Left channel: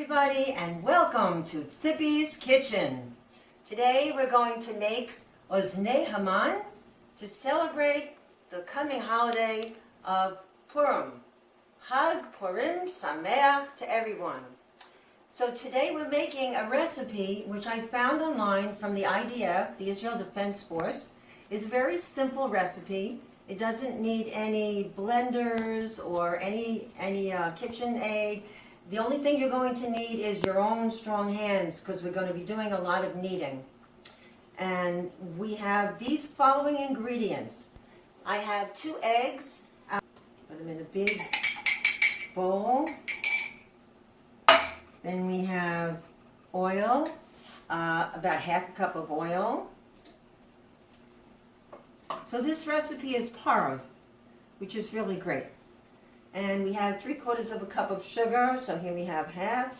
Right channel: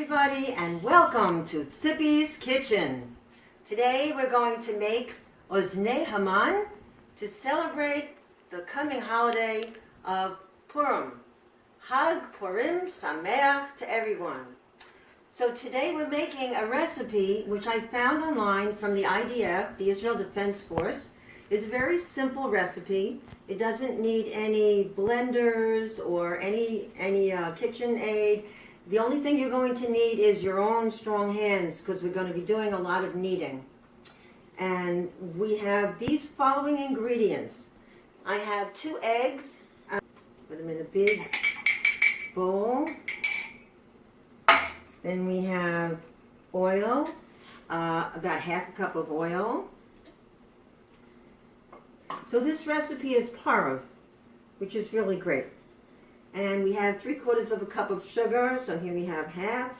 everybody, and welcome to Tzippi's Kitchen. Today we're going to make Oznei Haman to celebrate the coming holiday of Purim. Hag Purim Sameach to everyone. So today we're making a recipe which I found online from the IDF, the Israel Defense Force. It's a very simple recipe. It doesn't need any blenders or any kitchen aid. The only thing you're going to need is your own strong hands, because we're going to be doing a lot of kneading. And we have these following ingredients. I have 2 eggs. Put them in a big bowl. Then we have oil, about half a cup of oil. So this recipe is parov, which is really great. And we have 3/4 of a cup of sugar. So here we have half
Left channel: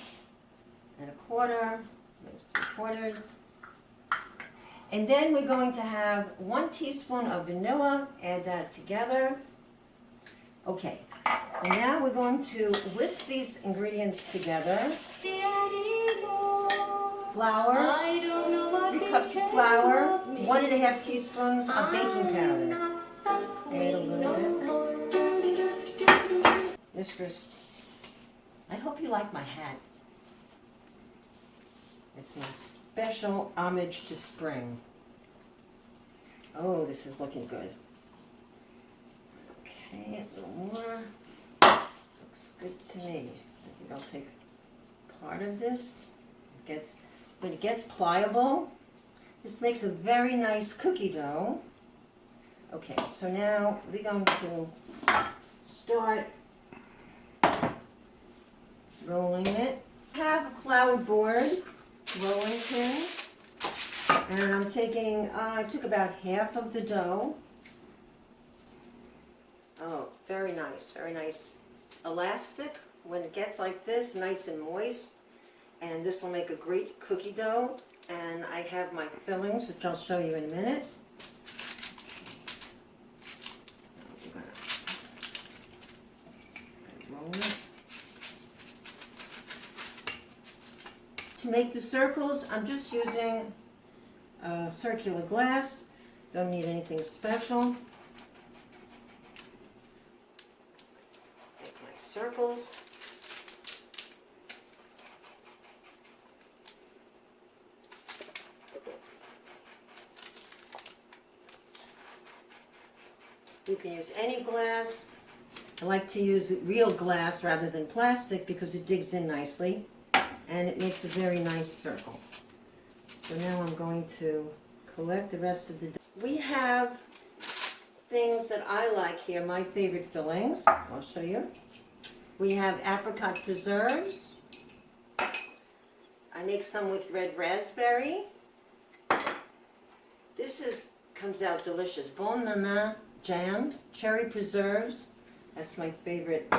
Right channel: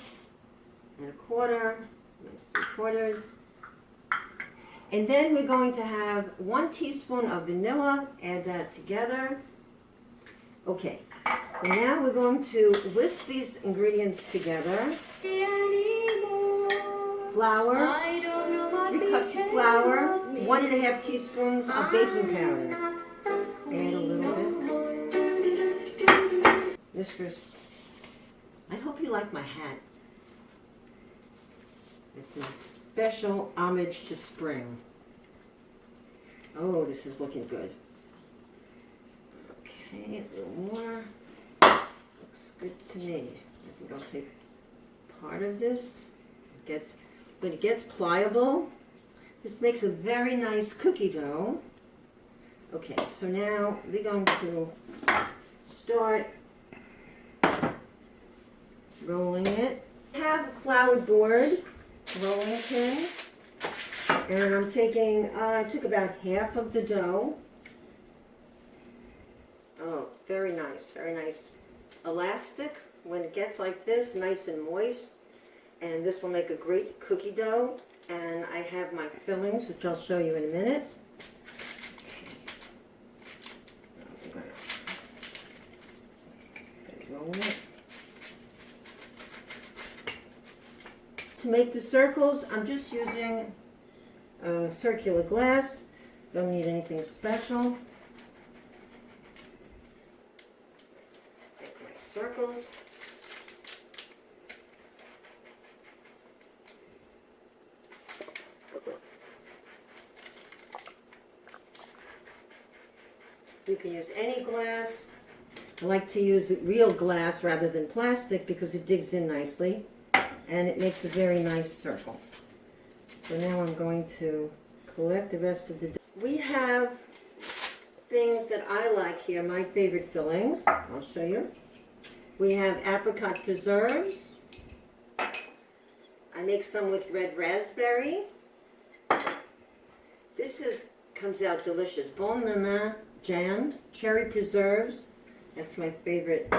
and a quarter, 3/4. And then we're going to have 1 teaspoon of vanilla. Add that together. Okay. Now we're going to whisk these ingredients together. Flour, 3 cups of flour, 1½ teaspoons of baking powder. Add a little bit. Mistress, I hope you like my hat. It's my special homage to spring. Oh, this is looking good. Okay, a little more. Looks good to me. I think I'll take part of this. When it gets pliable, this makes a very nice cookie dough. Okay, so now we're going to start rolling it. I have a flour board, rolling pin, and I'm taking, I took about half of the dough. Oh, very nice, very nice. Elastic, when it gets like this, nice and moist, and this will make a great cookie dough. And I have my fillings, which I'll show you in a minute. Roll it. To make the circles, I'm just using circular glass. Don't need anything special. Make my circles. You can use any glass. I like to use real glass rather than plastic because it digs in nicely. And it makes a very nice circle. So now I'm going to collect the rest of the dough. We have things that I like here, my favorite fillings. I'll show you. We have apricot preserves. I make some with red raspberry. This comes out delicious. Bon maman jam, cherry preserves. That's my favorite.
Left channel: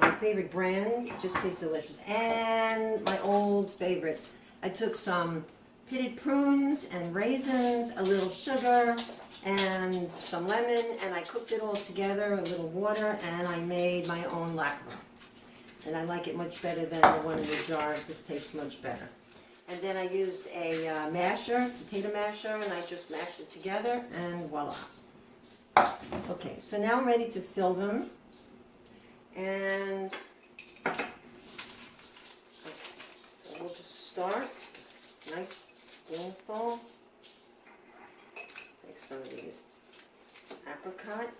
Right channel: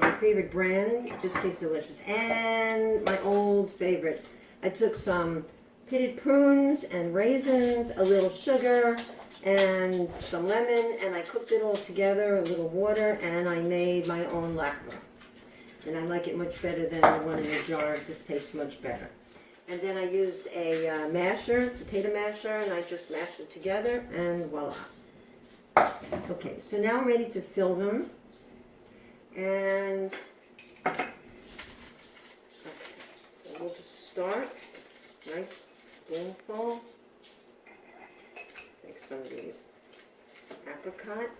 My favorite brand. It just tastes delicious. And my old favorite. I took some pitted prunes and raisins, a little sugar, and some lemon, and I cooked it all together, a little water, and I made my own lakva. And I like it much better than the one in the jar. This tastes much better. And then I used a masher, potato masher, and I just mashed it together, and voila. Okay, so now I'm ready to fill them. And okay, so we'll just start. Nice spoonful. Take some of these apricot.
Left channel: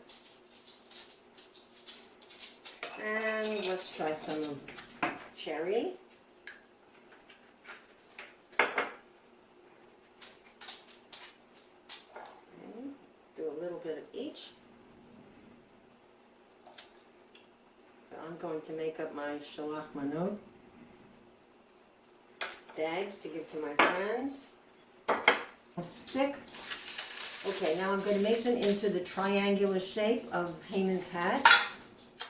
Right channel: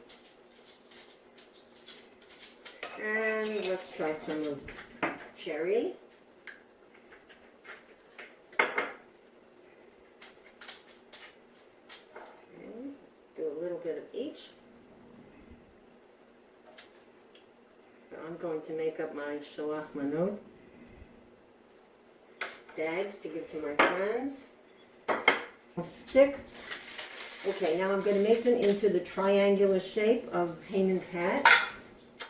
And let's try some of cherry. Okay, do a little bit of each. I'm going to make up my shalach manot bags to give to my friends. Stick. Okay, now I'm going to make them into the triangular shape of Haman's hat.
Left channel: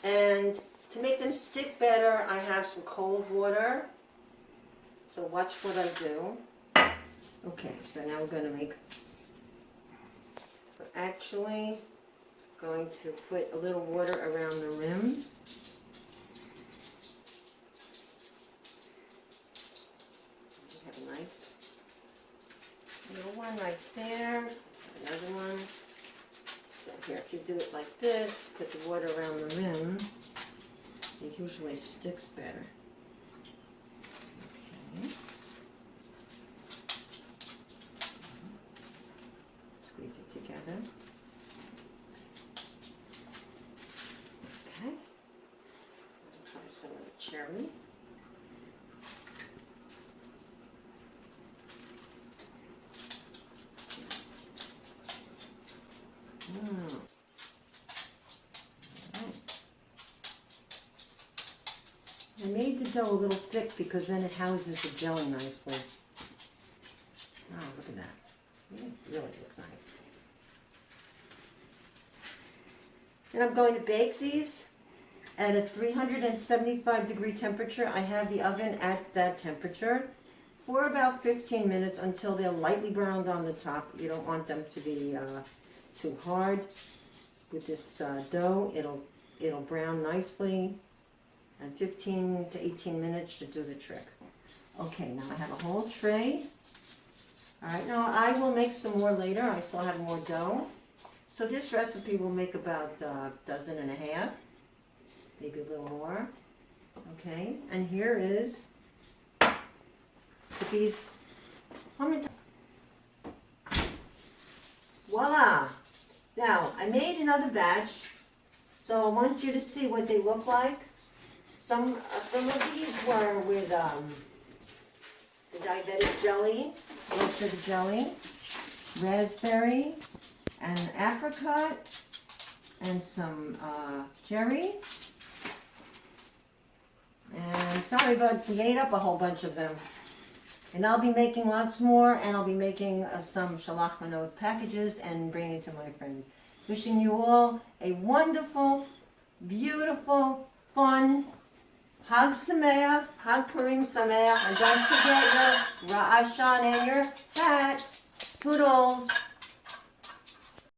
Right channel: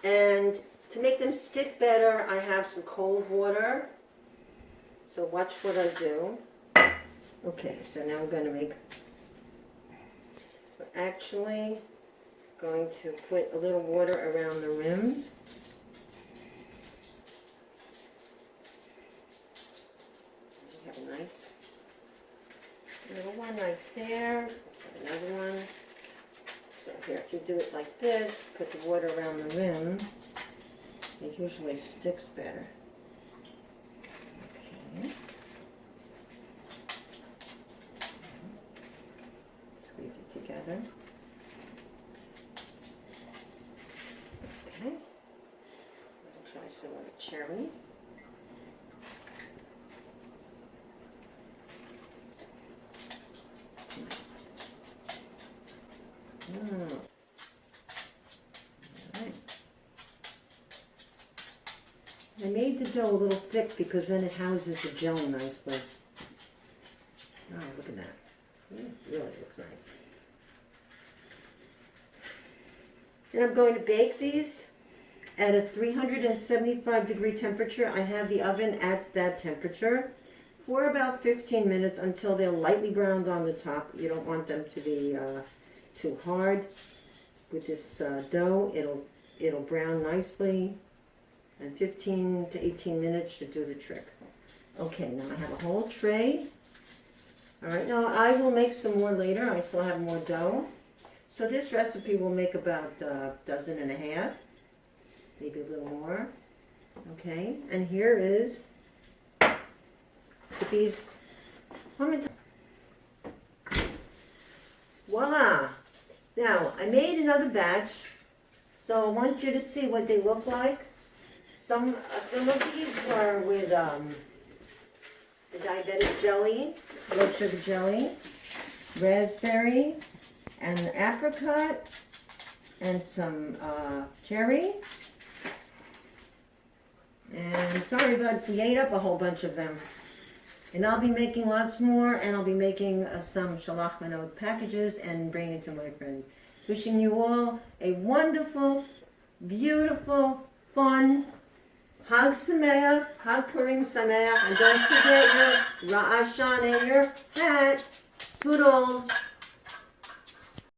And to make them stick better, I have some cold water. So watch what I do. Okay, so now we're going to make, we're actually going to put a little water around the rim. one right there. Another one. So here, if you do it like this, put the water around the rim, it usually sticks better. Okay. Squeeze it together. Okay. I'll try some of the cherry. Right. I made the dough a little thick because then it houses the jelly nicely. Oh, look at that. It really looks nice. And I'm going to bake these at a 375-degree temperature. I have the oven at that temperature for about 15 minutes until they're lightly browned on the top. You don't want them to be too hard. With this dough, it'll brown nicely, and 15 to 18 minutes should do the trick. Okay, now I have a whole tray. All right, now I will make some more later. I still have more dough. So this recipe will make about a dozen and a half, maybe a little more. Okay, and here is Tzippi's Hamantaschen. Voila! Now, I made another batch, so I want you to see what they look like. Some of these were with the diabetic jelly, blood sugar jelly, raspberry, and apricot, and some cherry. And sorry, but we ate up a whole bunch of them. And I'll be making lots more, and I'll be making some shalach manot packages and bringing to my friends. Wishing you all a wonderful, beautiful, fun Hag Sameach, Hag Purim Sameach, and don't forget your Ra'ashan and your hat. Toodles.